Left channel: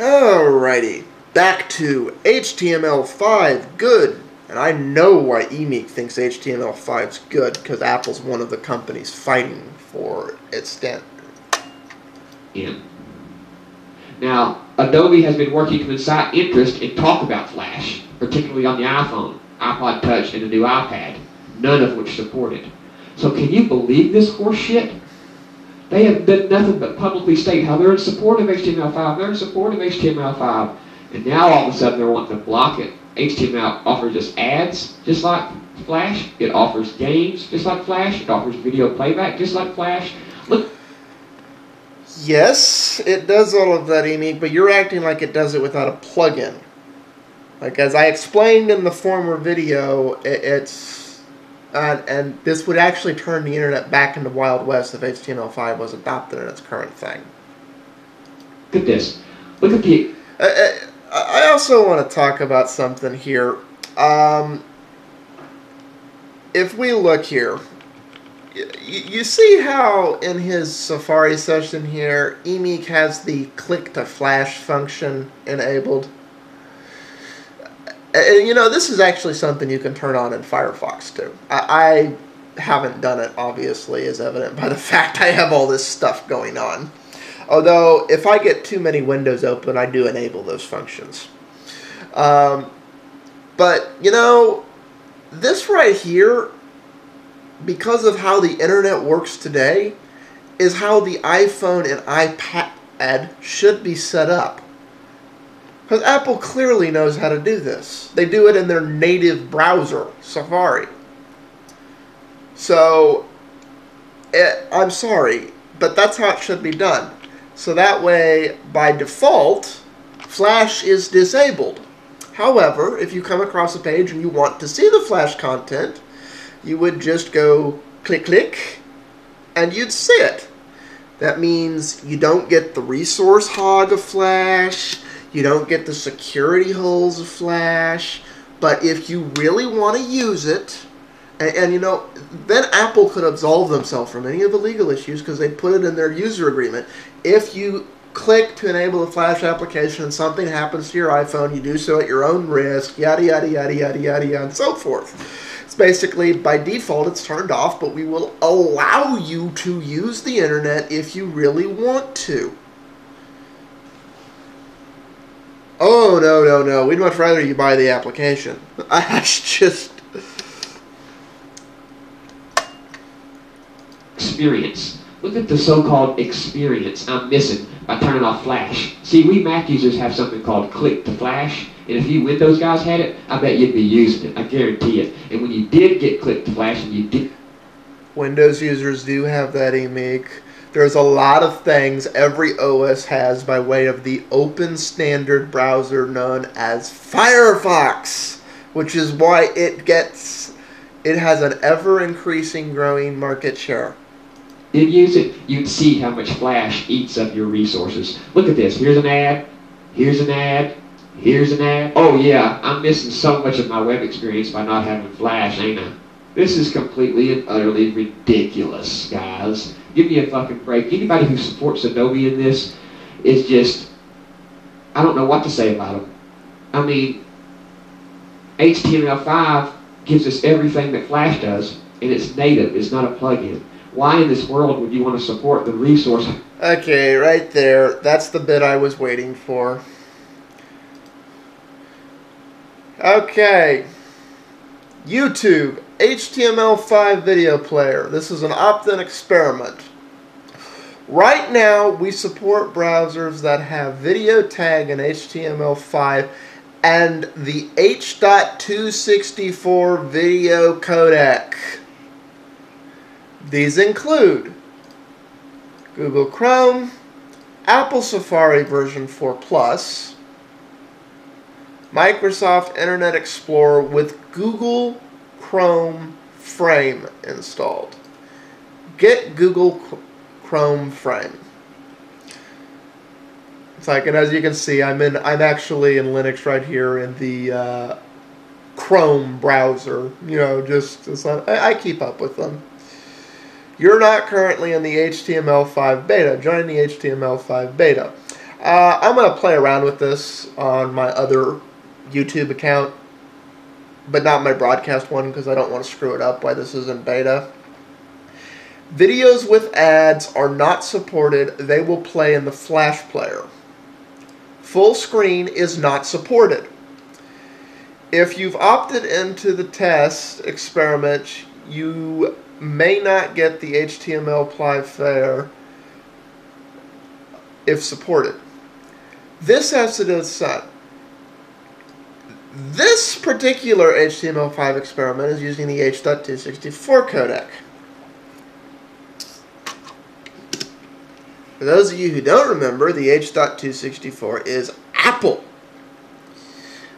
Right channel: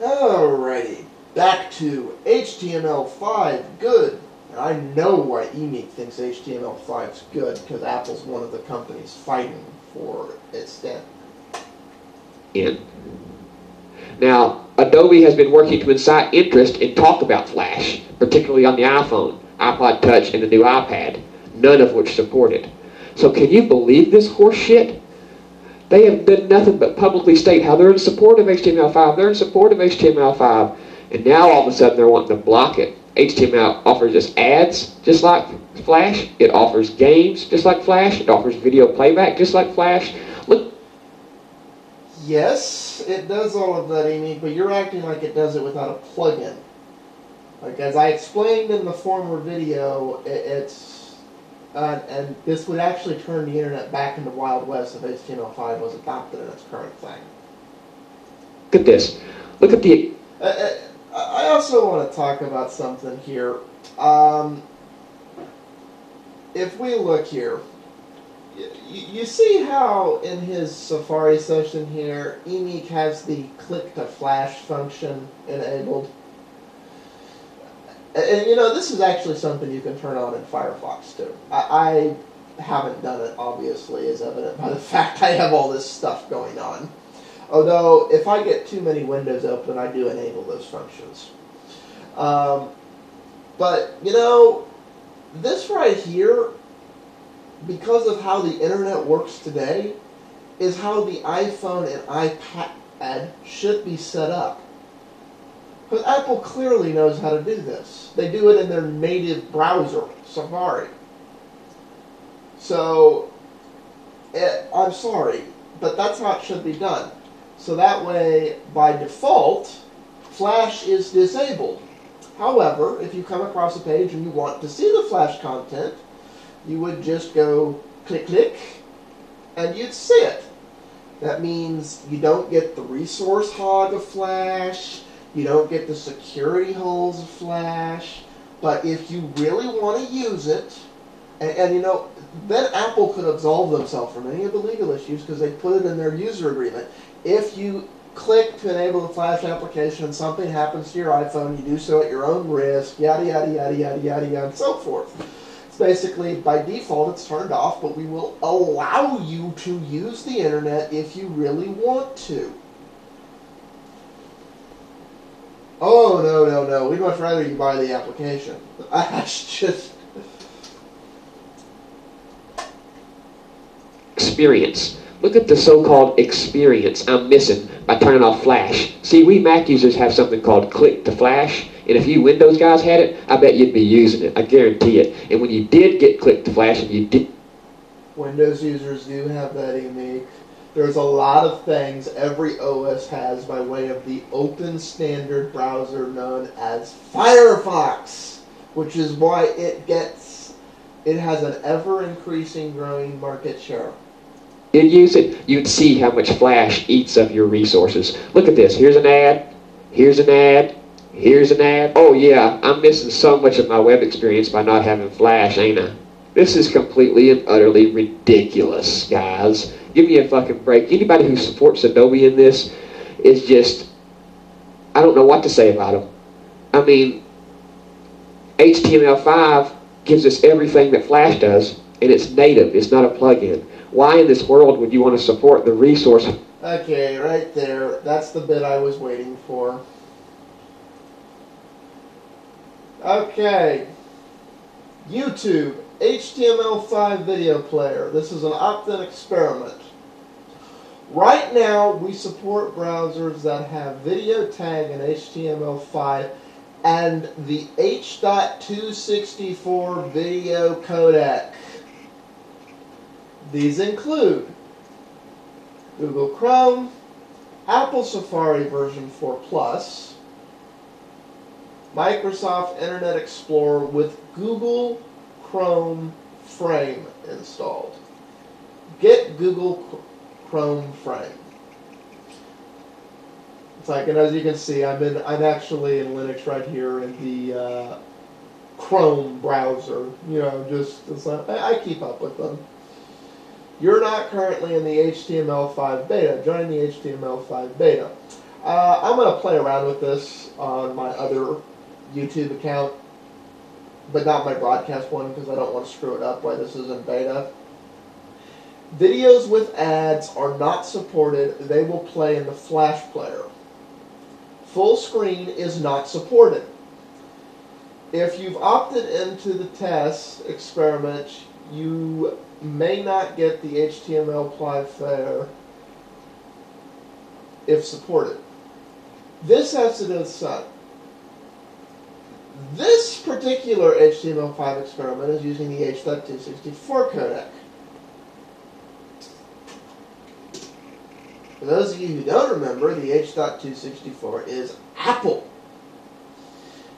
Alrighty, back to HTML5, good. And I know why Emeek thinks HTML5 is good, because Apple's one of the companies fighting for its standard. Now, Adobe has been working to incite interest and talk about Flash, particularly on the iPhone, iPod Touch, and the new iPad, none of which support it. So can you believe this horse shit? They have done nothing but publicly state how they're in support of HTML5, they're in support of HTML5, and now all of a sudden they're wanting to block it. HTML offers us ads, just like Flash. It offers games, just like Flash. It offers video playback, just like Flash. Look. Yes, it does all of that, Amy, but you're acting like it does it without a plugin. Like, as I explained in the former video, and this would actually turn the internet back into Wild West if HTML5 was adopted in its current thing. Look at this. Look at the... I also want to talk about something here. If we look here, you see how in his Safari session here, Emeek has the click to flash function enabled? And, you know, this is actually something you can turn on in Firefox too. I haven't done it, obviously, as evident by the fact I have all this stuff going on. Although, if I get too many windows open, I do enable those functions. But, you know, this right here, because of how the internet works today, is how the iPhone and iPad should be set up. Because Apple clearly knows how to do this. They do it in their native browser, Safari. So, I'm sorry, but that's how it should be done. So that way, by default, Flash is disabled. However, if you come across a page and you want to see the Flash content, you would just go click, click, and you'd see it. That means you don't get the resource hog of Flash, you don't get the security holes of Flash, but if you really want to use it, and you know, then Apple could absolve themselves from any of the legal issues because they put it in their user agreement. If you click to enable the Flash application and something happens to your iPhone, you do so at your own risk, yada, yada, yada, yada, yada, yada, and so forth. It's basically, by default, it's turned off, but we will allow you to use the internet if you really want to. Oh, no, no, no. We'd much rather you buy the application. That's just... experience. Look at the so-called experience I'm missing by turning off Flash. See, we Mac users have something called click to flash, and if you Windows guys had it, I bet you'd be using it. I guarantee it. And when you did get click to flash, and you did... Windows users do have that, Emeek. There's a lot of things every OS has by way of the open standard browser known as Firefox, which is why it has an ever-increasing growing market share. Did use it, you'd see how much Flash eats up your resources. Look at this. Here's an ad. Here's an ad. Here's an ad. Oh yeah, I'm missing so much of my web experience by not having Flash, ain't I? This is completely and utterly ridiculous, guys. Give me a fucking break. Anybody who supports Adobe in this is just... I don't know what to say about them. I mean, HTML5 gives us everything that Flash does, and it's native. It's not a plugin. Why in this world would you want to support the resource? Okay, right there. That's the bit I was waiting for. Okay. YouTube, HTML5 video player. This is an opt-in experiment. Right now, we support browsers that have video tag in HTML5 and the h.264 video codec. These include Google Chrome, Apple Safari version 4 Plus, Microsoft Internet Explorer with Google Chrome Frame installed. Get Google Chrome Frame. It's like, and as you can see, I'm actually in Linux right here in the Chrome browser. You know, I keep up with them. You're not currently in the HTML5 beta. Join the HTML5 beta. I'm going to play around with this on my other YouTube account, but not my broadcast one because I don't want to screw it up while this is in beta. Videos with ads are not supported. They will play in the Flash player. Full screen is not supported. If you've opted into the test experiment, you may not get the HTML5 there if supported. This has to do with that. This particular HTML5 experiment is using the h.264 codec. For those of you who don't remember, the h.264 is Apple.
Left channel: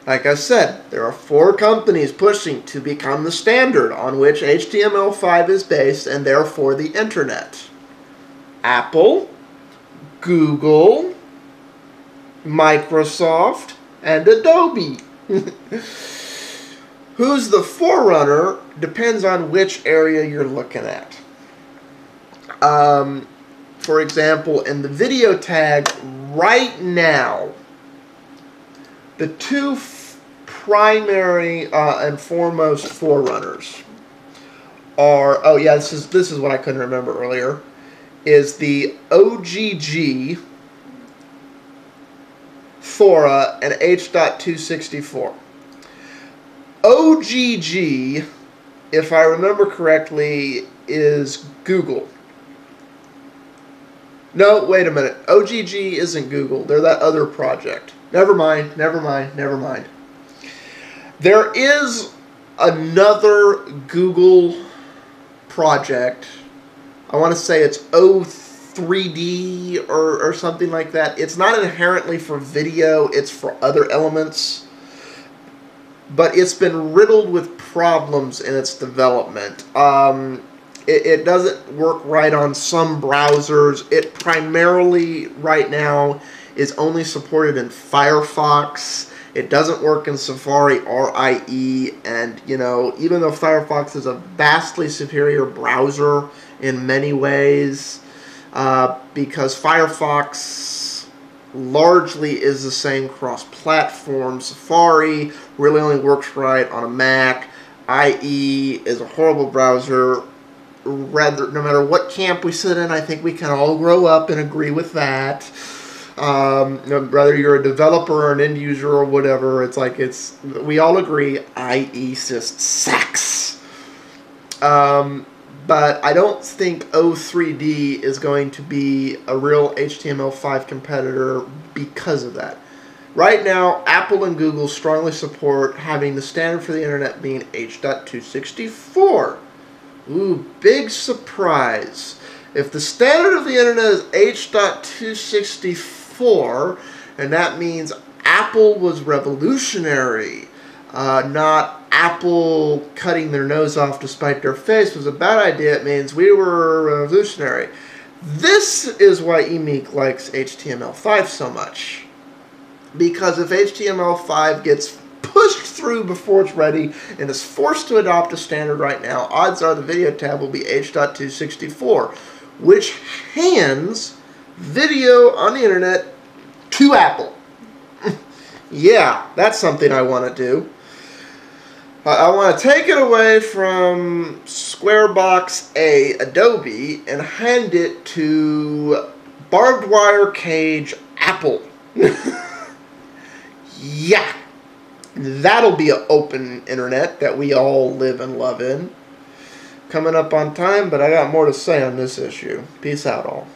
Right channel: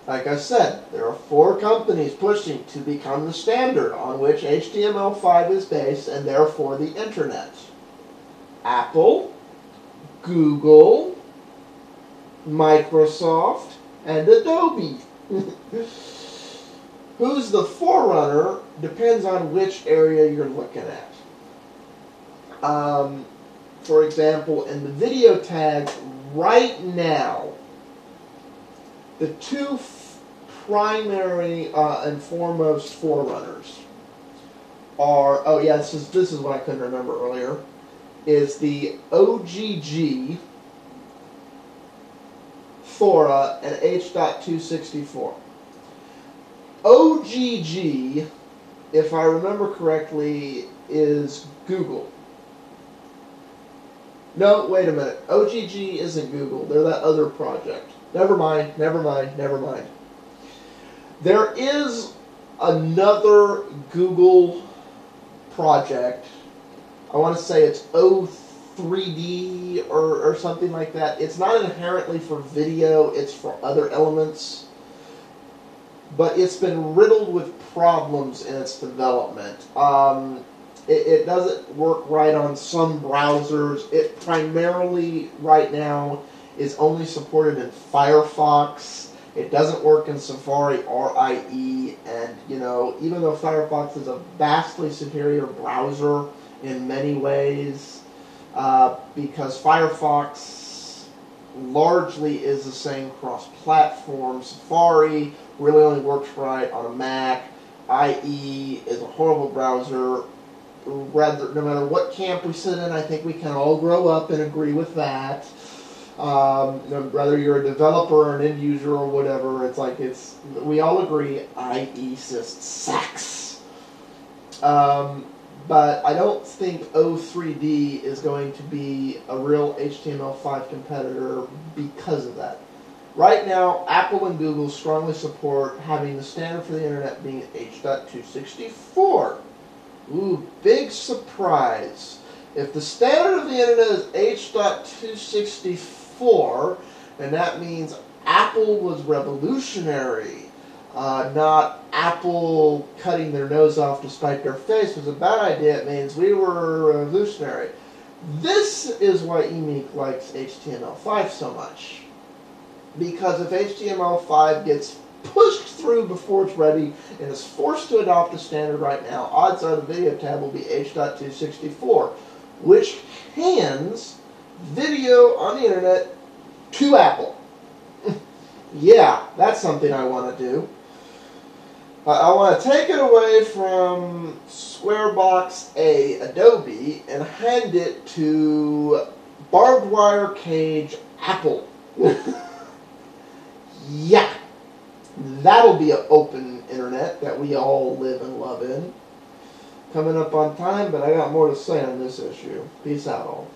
Like I said, there are 4 companies pushing to become the standard on which HTML5 is based and therefore the internet. Apple, Google, Microsoft, and Adobe. Who's the forerunner depends on which area you're looking at. For example, in the video tag right now, the 2 primary and foremost forerunners are, oh yeah, this is what I couldn't remember earlier, is the OGG, Thora, and h.264. OGG, if I remember correctly, is Google. No, wait a minute. OGG isn't Google. They're that other project. Never mind, never mind, never mind. There is another Google project. I want to say it's O3D or something like that. It's not inherently for video. It's for other elements. But it's been riddled with problems in its development. It doesn't work right on some browsers. It primarily, right now, is only supported in Firefox. It doesn't work in Safari or IE, and, you know, even though Firefox is a vastly superior browser in many ways, because Firefox largely is the same cross-platform. Safari really only works right on a Mac. IE is a horrible browser. Rather, no matter what camp we sit in, I think we can all grow up and agree with that. Whether you're a developer or an end user or whatever, it's like we all agree IE just sucks. But I don't think O3D is going to be a real HTML5 competitor because of that. Right now, Apple and Google strongly support having the standard for the internet being h.264. Ooh, big surprise. If the standard of the internet is h.264, and that means Apple was revolutionary, not Apple cutting their nose off to spite their face was a bad idea, it means we were revolutionary. This is why Emeek likes HTML5 so much. Because if HTML5 gets pushed through before it's ready and is forced to adopt a standard right now, odds are the video tab will be h.264, which hands video on the internet to Apple. Yeah, that's something I want to do. I want to take it away from Squarebox Adobe and hand it to barbed wire cage Apple. Yeah. That'll be an open internet that we all live and love in. Coming up on time, but I got more to say on this issue. Peace out, all.